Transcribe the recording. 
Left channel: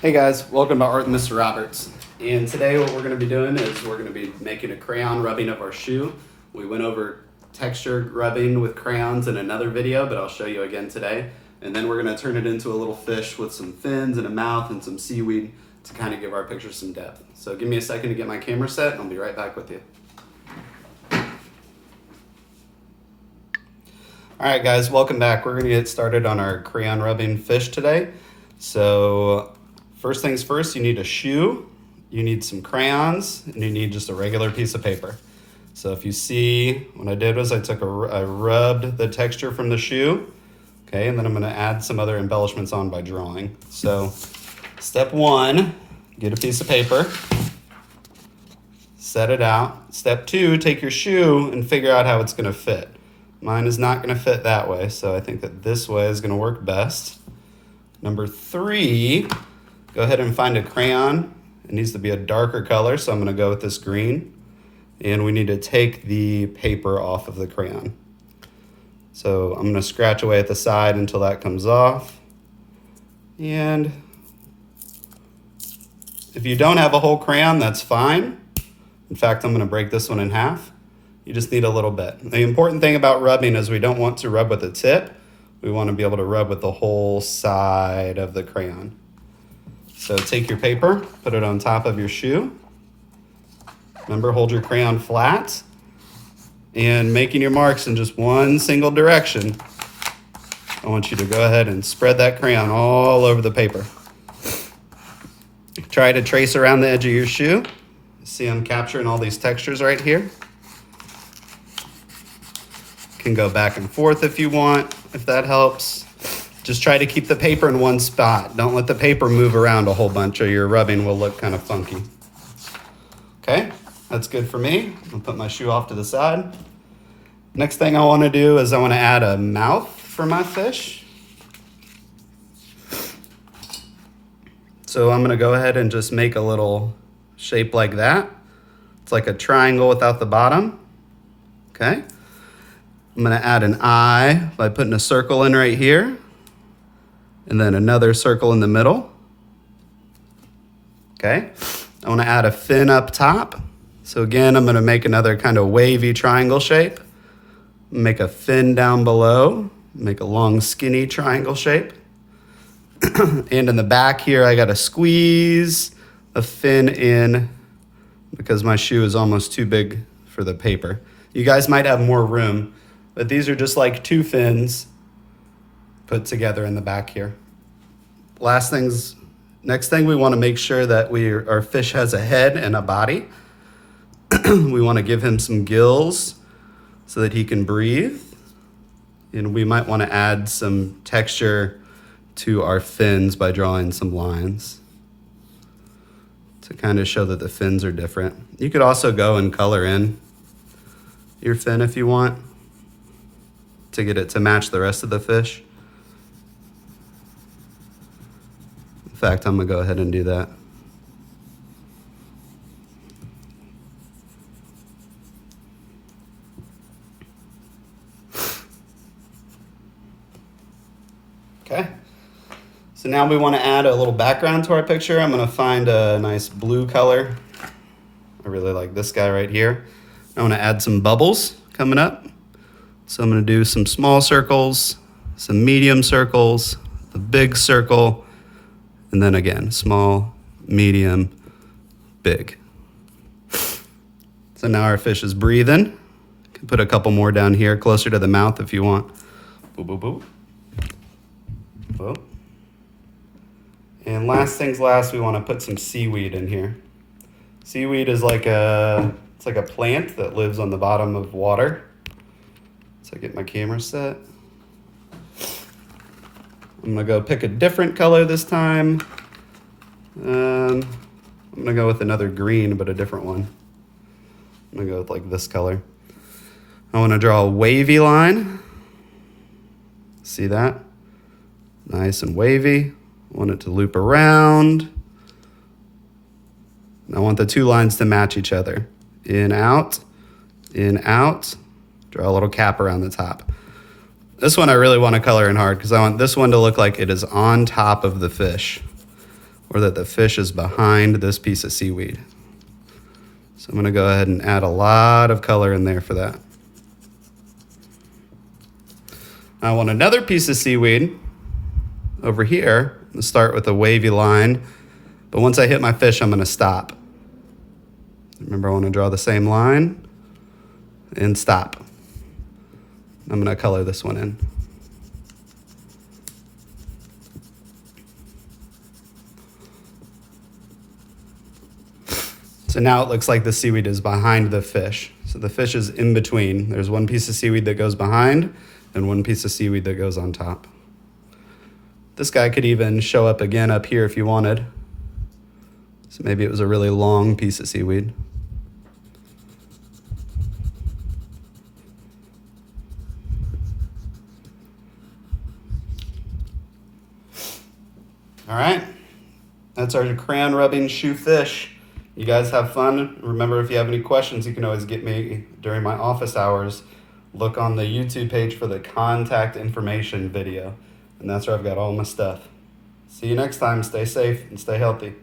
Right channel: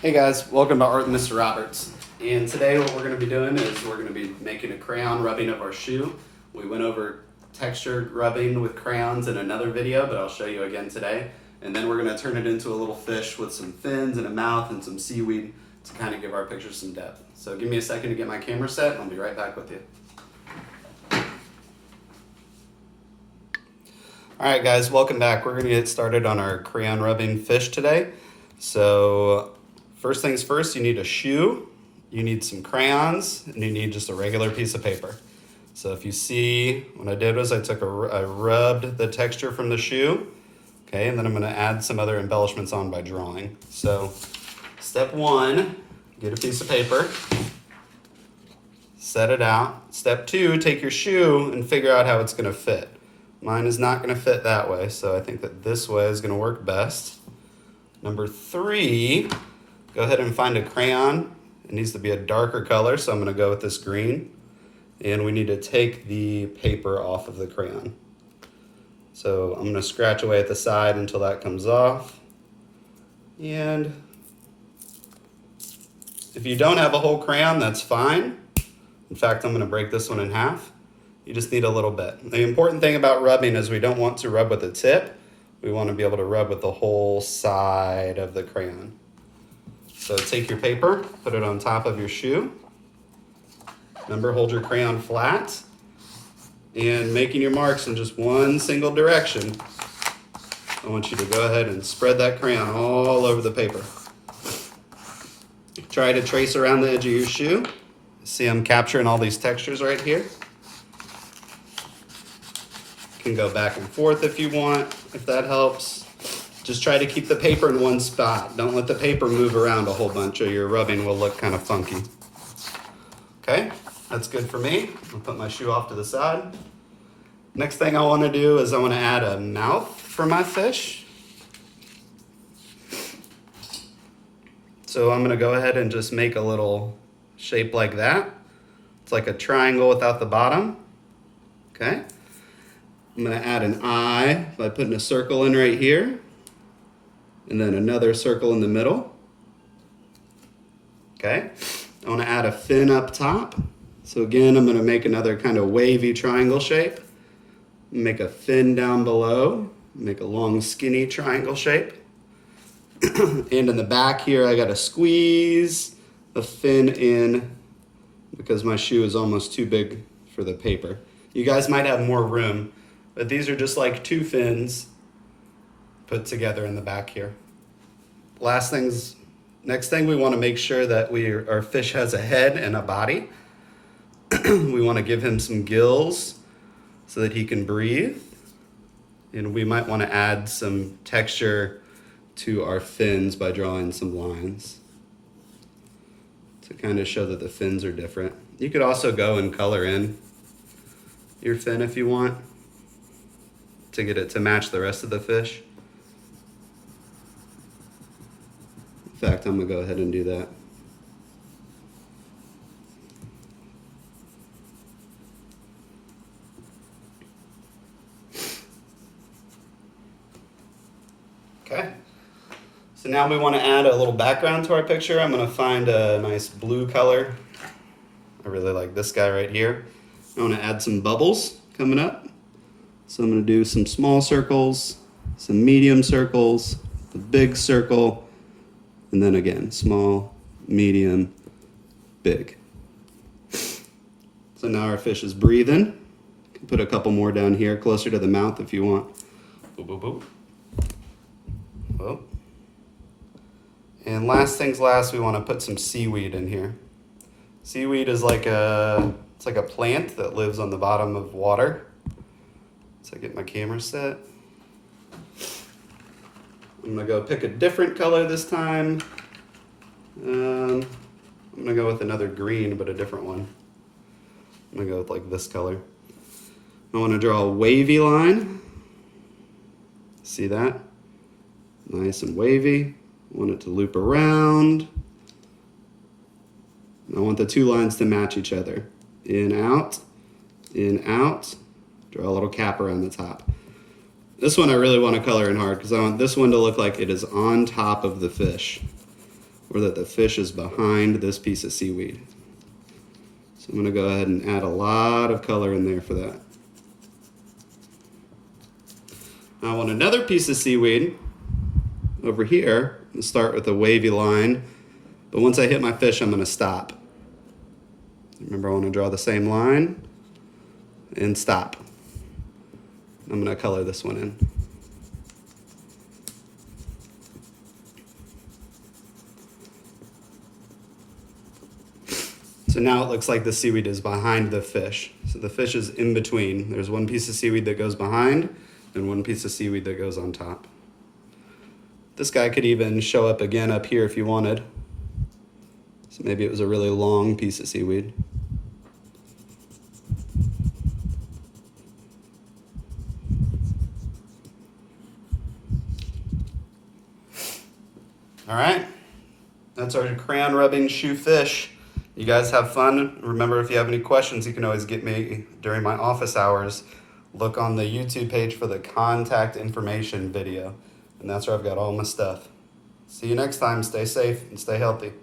Hey guys, welcome to Art and Mr. Roberts. And today what we're going to be doing is we're going to be making a crayon rubbing of our shoe. We went over texture rubbing with crayons in another video, but I'll show you again today. And then we're going to turn it into a little fish with some fins and a mouth and some seaweed to kind of give our picture some depth. So give me a second to get my camera set and I'll be right back with you. Alright guys, welcome back. We're going to get started on our crayon rubbing fish today. So first things first, you need a shoe, you need some crayons, and you need just a regular piece of paper. So if you see, what I did was I rubbed the texture from the shoe, okay, and then I'm gonna add some other embellishments on by drawing. So step one, get a piece of paper, set it out. Step two, take your shoe and figure out how it's gonna fit. Mine is not gonna fit that way, so I think that this way is gonna work best. Number three, go ahead and find a crayon. It needs to be a darker color, so I'm gonna go with this green. And we need to take the paper off of the crayon. So I'm gonna scratch away at the side until that comes off. And if you don't have a whole crayon, that's fine. In fact, I'm gonna break this one in half. You just need a little bit. The important thing about rubbing is we don't want to rub with the tip. We want to be able to rub with the whole side of the crayon. So take your paper, put it on top of your shoe. Remember, hold your crayon flat and making your marks in just one single direction. I want you to go ahead and spread that crayon all over the paper. Try to trace around the edge of your shoe. See, I'm capturing all these textures right here. Can go back and forth if you want, if that helps. Just try to keep the paper in one spot. Don't let the paper move around a whole bunch or your rubbing will look kind of funky. Okay, that's good for me. I'll put my shoe off to the side. Next thing I want to do is I want to add a mouth for my fish. So I'm going to go ahead and just make a little shape like that. It's like a triangle without the bottom. Okay. I'm gonna add an eye by putting a circle in right here, and then another circle in the middle. Okay, I wanna add a fin up top. So again, I'm gonna make another kind of wavy triangle shape. Make a fin down below, make a long skinny triangle shape. And in the back here, I gotta squeeze a fin in because my shoe is almost too big for the paper. You guys might have more room, but these are just like two fins put together in the back here. Next thing we want to make sure that our fish has a head and a body. We want to give him some gills so that he can breathe. And we might want to add some texture to our fins by drawing some lines to kind of show that the fins are different. You could also go and color in your fin if you want, to get it to match the rest of the fish. In fact, I'm gonna go ahead and do that. Okay, so now we want to add a little background to our picture. I'm gonna find a nice blue color. I really like this guy right here. I want to add some bubbles coming up. So I'm going to do some small circles, some medium circles, a big circle, and then again, small, medium, big. So now our fish is breathing. You can put a couple more down here, closer to the mouth if you want. Boop, boop, boop. Boop. And last things last, we want to put some seaweed in here. Seaweed is like a plant that lives on the bottom of water. So I get my camera set. I'm gonna go pick a different color this time. I'm gonna go with another green, but a different one. I'm gonna go with like this color. I wanna draw a wavy line. See that? Nice and wavy. I want it to loop around. I want the two lines to match each other. In, out, draw a little cap around the top. This one I really want to color in hard because I want this one to look like it is on top of the fish. or that the fish is behind this piece of seaweed. So I'm gonna go ahead and add a lot of color in there for that. I want another piece of seaweed over here. Let's start with a wavy line, but once I hit my fish, I'm gonna stop. Remember, I wanna draw the same line and stop. I'm gonna color this one in. So now it looks like the seaweed is behind the fish. So the fish is in between. There's one piece of seaweed that goes behind and one piece of seaweed that goes on top. This guy could even show up again up here if you wanted. So maybe it was a really long piece of seaweed. All right, that's our crayon rubbing shoe fish. You guys have fun. Remember, if you have any questions, you can always get me during my office hours. Look on the YouTube page for the contact information video. And that's where I've got all my stuff. See you next time. Stay safe and stay healthy.